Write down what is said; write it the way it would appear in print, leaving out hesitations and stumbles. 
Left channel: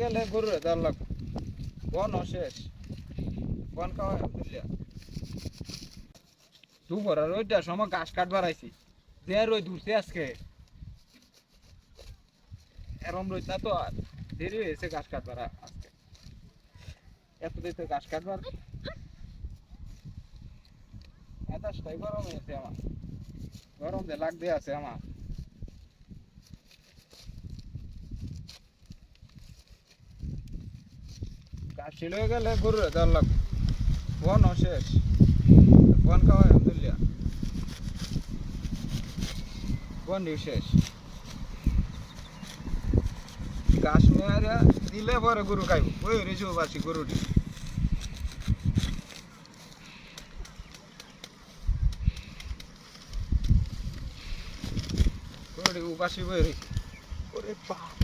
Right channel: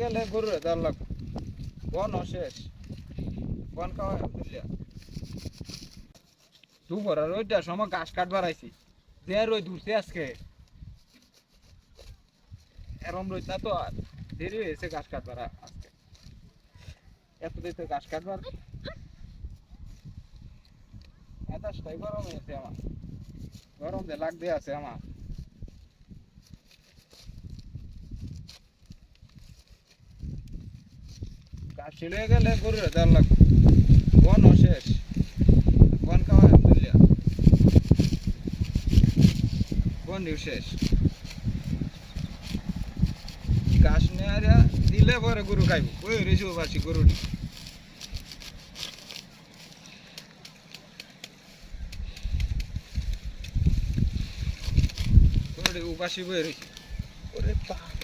গেলে গরুরে দেওয়ার লাগবে। বন শেষ, বন খাওয়া বুঝলিয়া। দুপুর আর ওইটার সময় ঘাস কাটবার আইছি, যে রোদ উঠছে আজকে, এরম রোদ না তো আর দেরি হয়েছে ঘাস কাটবার আজকে। এত দিতে ঘাস কাটবার মেজাজটাই গরম হয়েছে আমার, গরম যে লাগ দিয়ে আছে আমার। ঘাস ছিঁড়ে গেলে গরুরে দেওয়ার লাগবে। বন শেষ, বন খাওয়া বুঝলিয়া, বন শেষ। ঘাস নেয়া দিলে পরে গরু খাইব, ওই রেসু বাসি গরুটি। গরুটি উপাসি বই রেখে ওরে বাপ।